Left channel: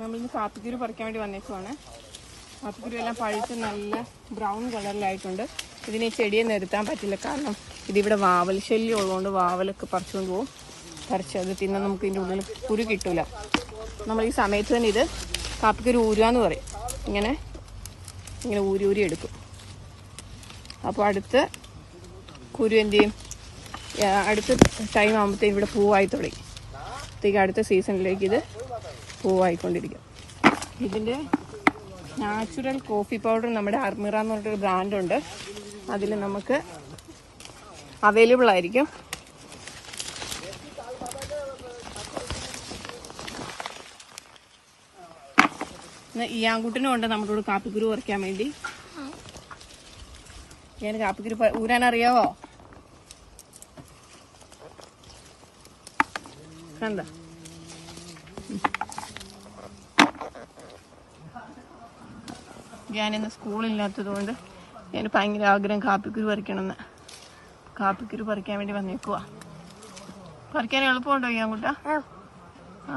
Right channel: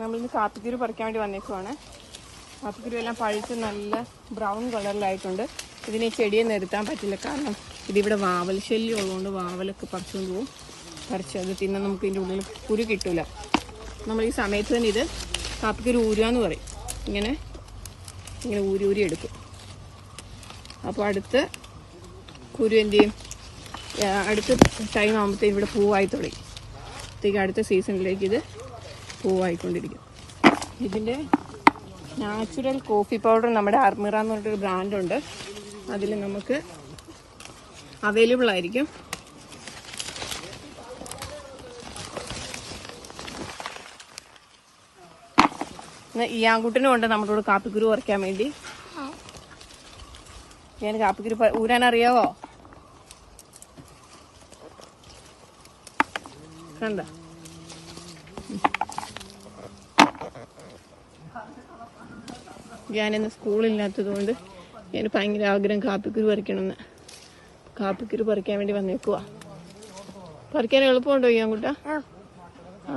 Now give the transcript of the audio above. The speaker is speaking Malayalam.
നമ്മളിന്ന് കാപ്പിക്കുരു പറിക്കാൻ വേണ്ടി വന്നേക്കുവാണ്. കാപ്പിക്കുരു എല്ലാം പഴുത്ത് നല്ല ബ്രൗൺ കളറിലായിട്ടുണ്ട്. ഇതിന് ഈ ചെടിയെ നിരത്താൻ പറ്റില്ല, കാരണം ഇതിവിടെ വാവൽ ശല്യം ഉള്ളതുകൊണ്ട് വാവലൊക്കെ പറിച്ചുകൊണ്ട് പോകും. പറിച്ചത് പിന്നെ നമുക്ക് ഇതിൻ്റെ ഉള്ളിൽ കുരു കിട്ടില്ല. നമ്മൾ ഈ സമയത്ത് തന്നെ ഇത് കാപ്പിക്കുരു ഊരുകാന്ന് പറയും. ഇങ്ങനെ ഊരി എടുക്കും. അപ്പോൾ അടുത്ത് കുരു എന്ത് ചെയ്യും, അടുത്ത ടൈം ആകുമ്പോഴത്തേക്കും ഇവിടെ പൂവായി തുടങ്ങി. അടുത്ത സീസണിലേക്ക് ഇത് പൂവായിക്കൊണ്ടിരിക്കും. ഇതിൻ്റെ നാച്ചുറൽ കോഫി പൗഡർ നമ്മുടെ അർമിറ എന്ന് പറഞ്ഞിട്ടൊരു ബ്രാൻഡുണ്ട്. അതിൽ നമുക്ക് അവൈലബിൾ ആയിരിക്കും. ഈ ആൺകുട്ടിനും ഉണ്ട് നമ്മുടെ കൂടെ കാപ്പിക്കുരു പറിക്കാൻ വേണ്ടി. ഞാൻ കാപ്പിക്കുരു ഊരാൻ അറിയാവോ? കണ്ട, ഞാനിന്ന് സ്കൂളില്ലാത്തത് കൊണ്ട് ഞാൻ ഭയങ്കര ആഗ്രഹം കാപ്പിക്കുരു പറിക്കണമെന്ന്. കാപ്പിക്കുരു പറിക്കാൻ വേണ്ടി വന്നേക്കുവാ. പറിക്കാൻ എളുപ്പമുണ്ടോ ഈ ആൺകുട്ട? ആ